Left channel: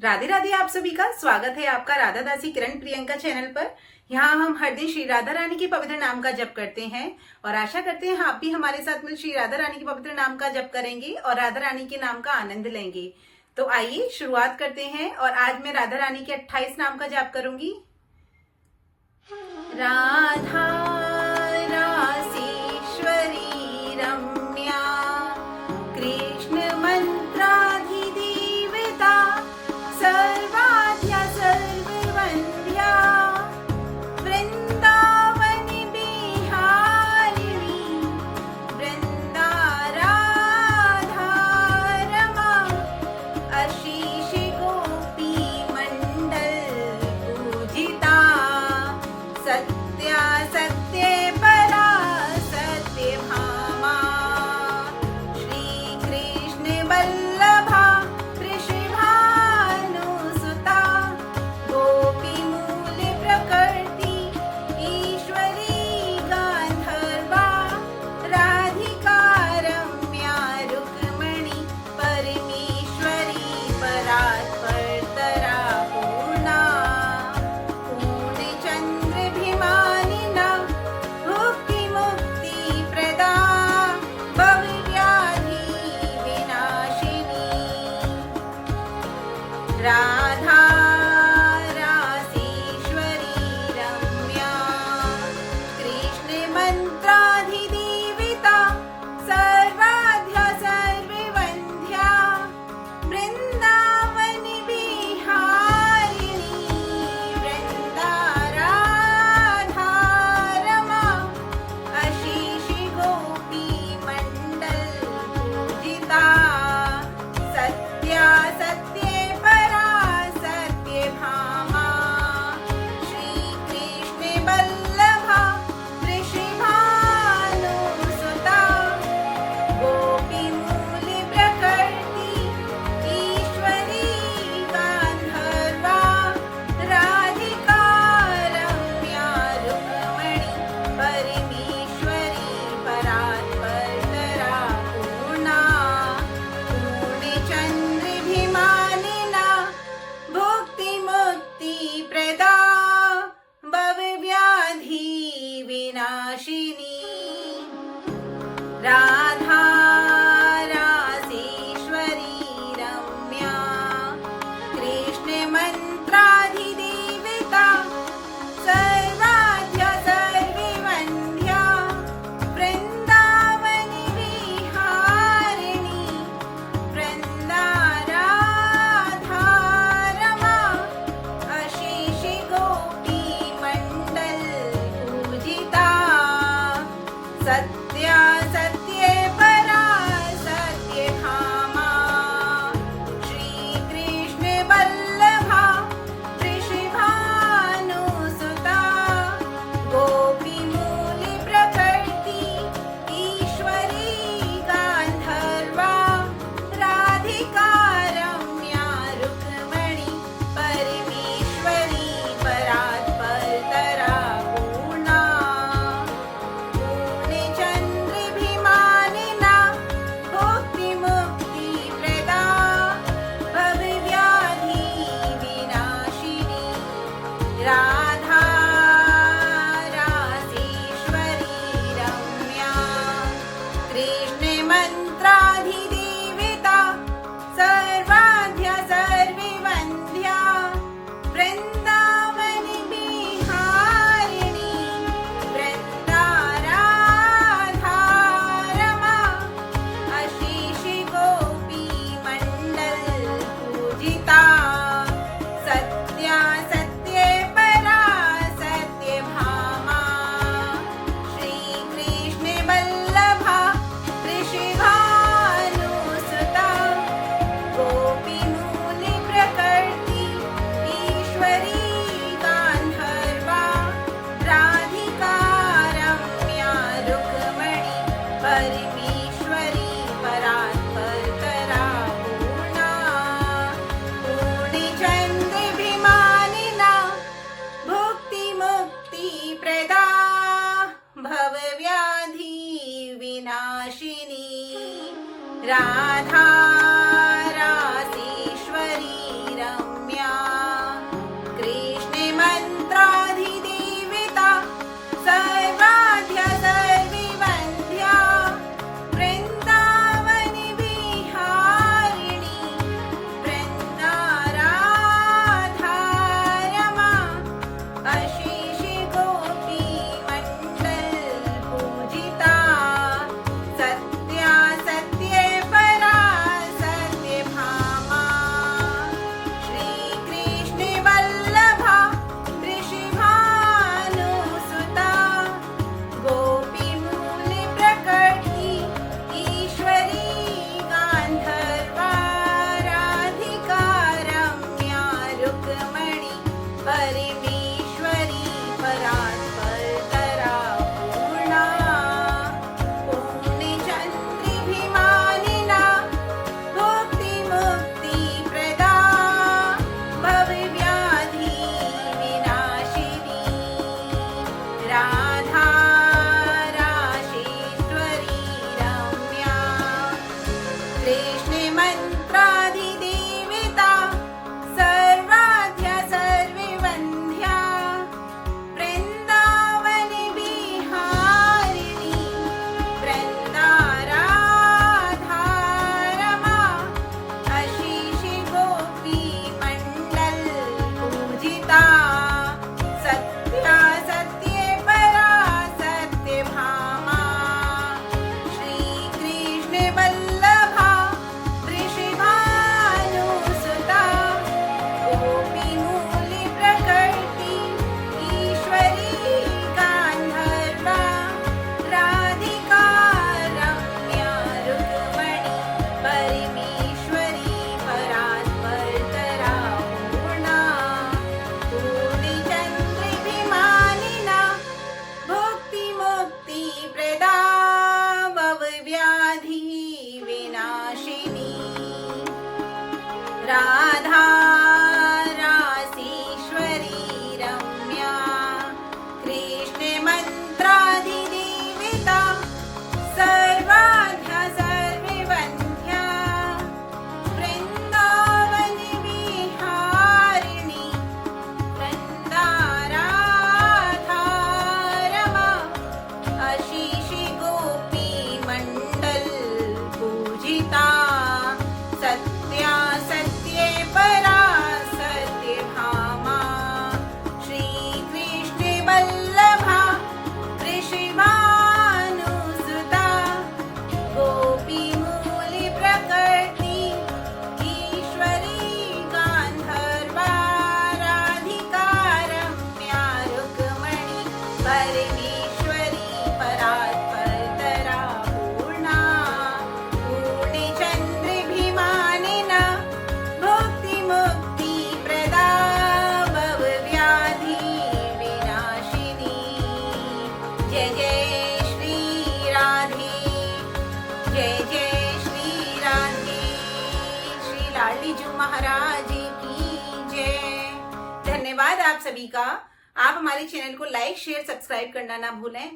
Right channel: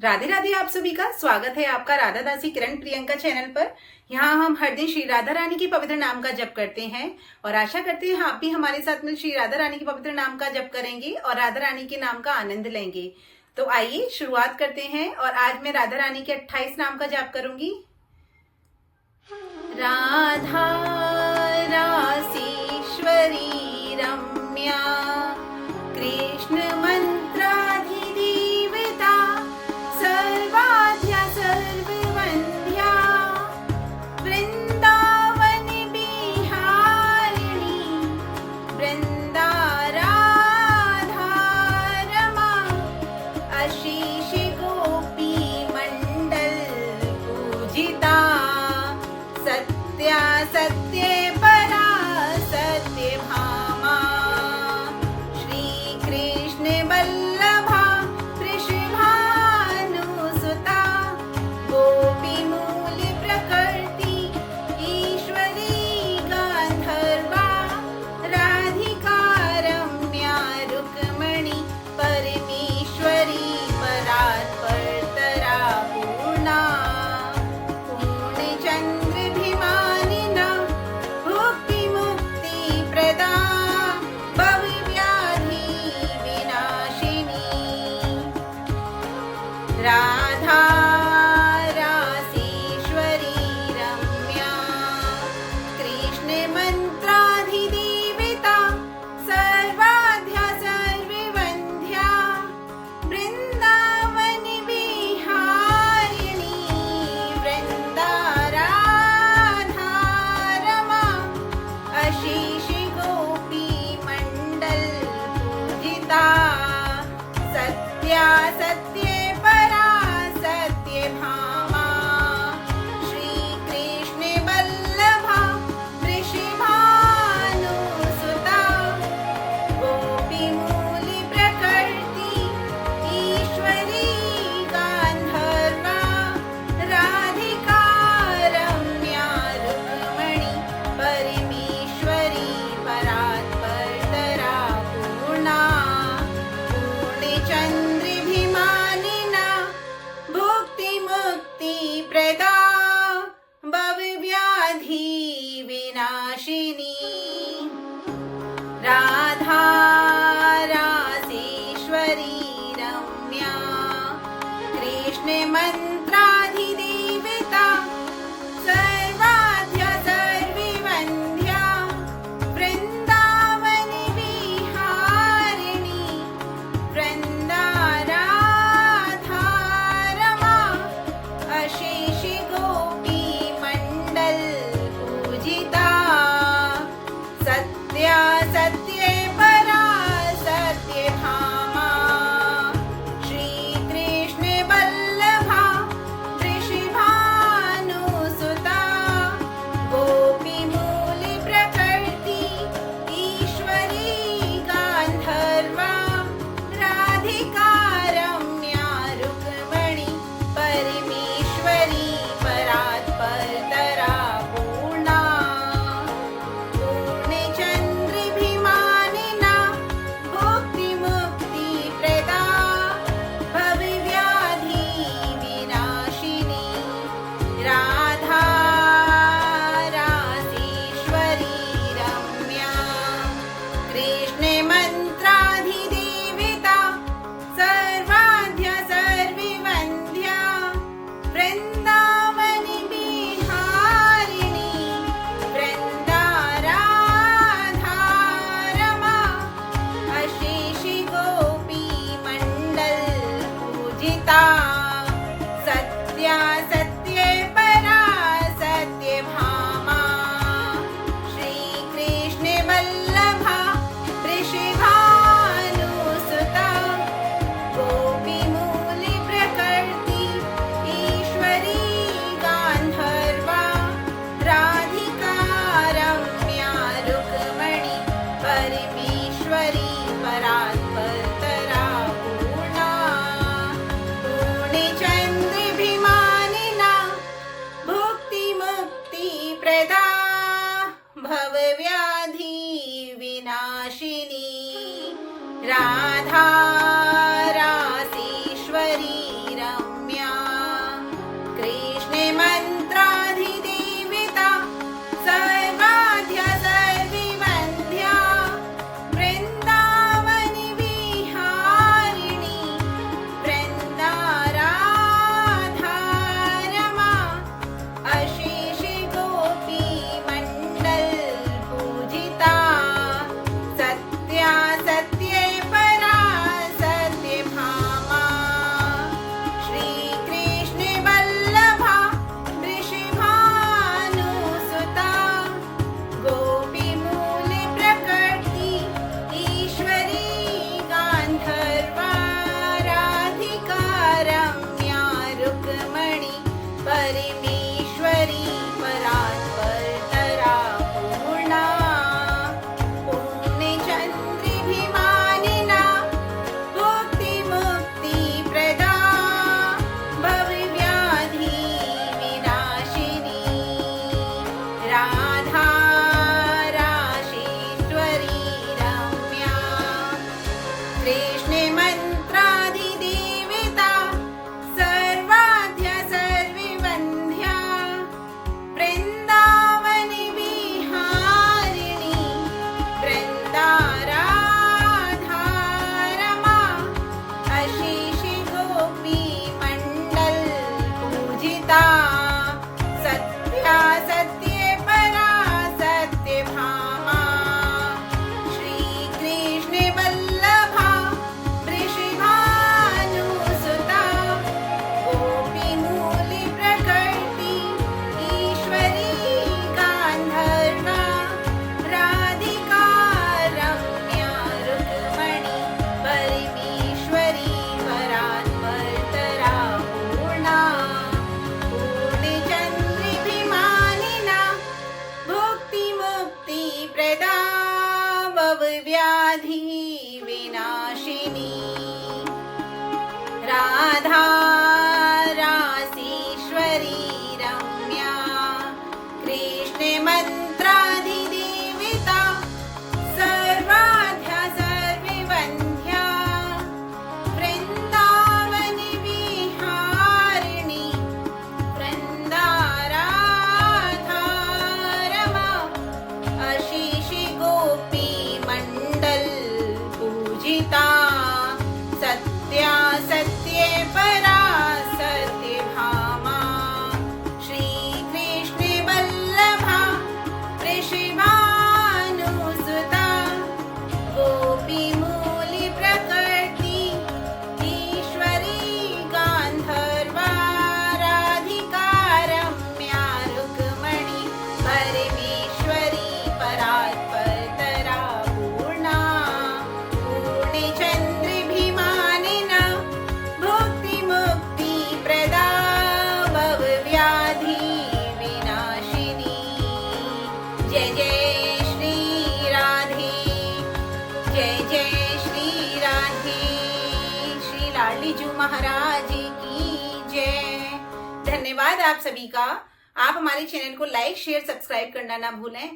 राधे राधे। आप सभी का स्वागत है आपका राधा दासी किरण प्रियंका चैनल पर। यहाँ हम हर दिन श्री राधा रानी की पवित्र नाम का जप करते हैं और आशा करते हैं आप भी हमारे साथ मिल श्री राधा रानी की पवित्र नाम का जप करेंगे और राधा रानी के नाम का आनंद लेंगे। तो आइए शुरुआत करते हैं। और आज मैं राधा रानी के 28 नाम का जप करूंगी। राधा रासेश्वरी रम्या कृष्ण मंत्राधिदेवता सर्वाद्या सर्ववन्द्या वृंदावन बिहारिणी वृंदाराधा रमा आशीष गोपी मंडल पूजिता सत्या सत्य परा सत्य भामा श्री कृष्ण वल्लभा वृषभानुसुता गोपी मूल प्रकृति ईश्वरी गांधर्वा राधिका रम्या रुक्मणी परमेश्वरी परात्परतरा पूर्णा पूर्णचंद्र भिमानिना मुक्ति मुक्ति प्रदा भवव्याधि विनाशिनी राधा रासेश्वरी रम्या कृष्ण मंत्राधिदेवता सर्वाद्या सर्ववन्द्या वृंदावन बिहारिणी वृंदाराधा रमा आशीष गोपी मंडल पूजिता सत्या सत्य परा पूजिता सत्या सत्ये परा सत्यभामा श्री कृष्ण वल्लभा वृषभानुसुता गोपीमूली प्रकृति ईश्वरी गांधर्वा राधिका रम्या रुक्मणी परमेश्वरी परात्परतरा पूर्णा पूर्णचन्द्रिभिमानिना भुक्ति प्रदा भवव्याधि विनाशिनी राधा रासीश्वरी रम्या कृष्ण मंत्राधिदेवता सर्वाध्या सर्ववन्ध्या वृन्दावनि विहारिणी वृन्दाराधा रमा अशीषि गोपी मंडल पूजिता सत्या सत्ये परा सत्यभामा श्री कृष्ण वल्लभा वृषभानुसुता गोपीमूली प्रकृति ईश्वरी गांधर्वा राधिका रम्या रुक्मणी परमेश्वरी परात्परतरा पूर्णा पूर्णचन्द्रिभिमानिना भुक्ति प्रदा भवव्याधि विनाशिनी जय जय श्री राधे जय जय श्री राधे श्री लाडली जू महाराज की जय। धन्यवाद आप सभी का। आप हमारे चैनल को लाइक शेयर सब्सक्राइब करना ना भूलें।